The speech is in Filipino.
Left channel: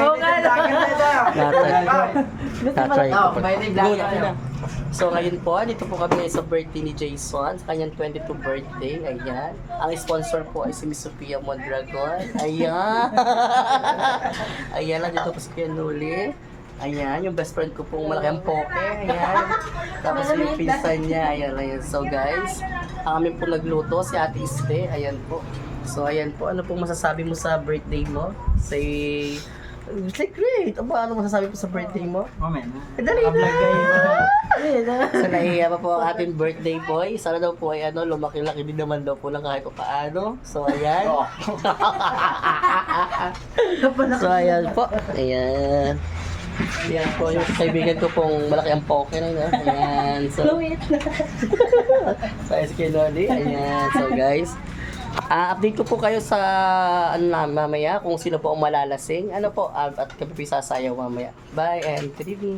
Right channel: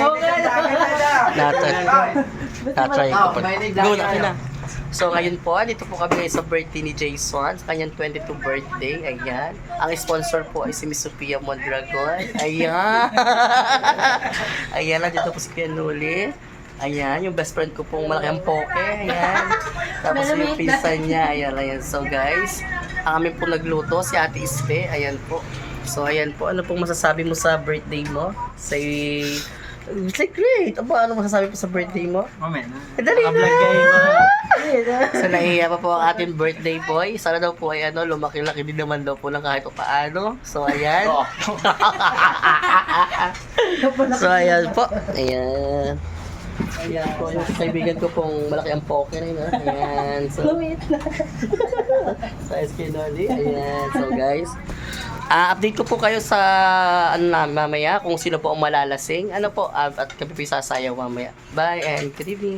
Oo nga. Natry ko pa. Go na, okay na. So ngayon po, dito po kami sa birthday ni Jason, sa kanyang 22 birthday, ayan. Ang sponsor po ay si Miss Sophia Mondragon, ayan. Ayan, nandito po si Pianuli. Ayan, yung best friend ko pong malaking poke, ayan. Tapos yung pinsan niya, ayan. So guys, ang amin po nagluto, si Ate Iste, ayan po. So ayan po, ano pong masasabi mo sa birthday mo? Say, great! Aba, ano masasabi mo sa birthday mo? Moment. Dali na! Vlog kayo ba? So nahihiya pa po ang ating birthday boy. Sana daw po ay lumaki-laki din naman daw po ng kahit o paano. So ayan. So ayan po. Ayan. Ayan po yung kaibigan ko pong malaki ang poker. Ayan. So, sa SK Lodi. Ayan. So guys. Update ko po kayo sa mamaya kung sino po ang malalasing. Ano po, at kami po sasayaw mamaya. Bye and good evening.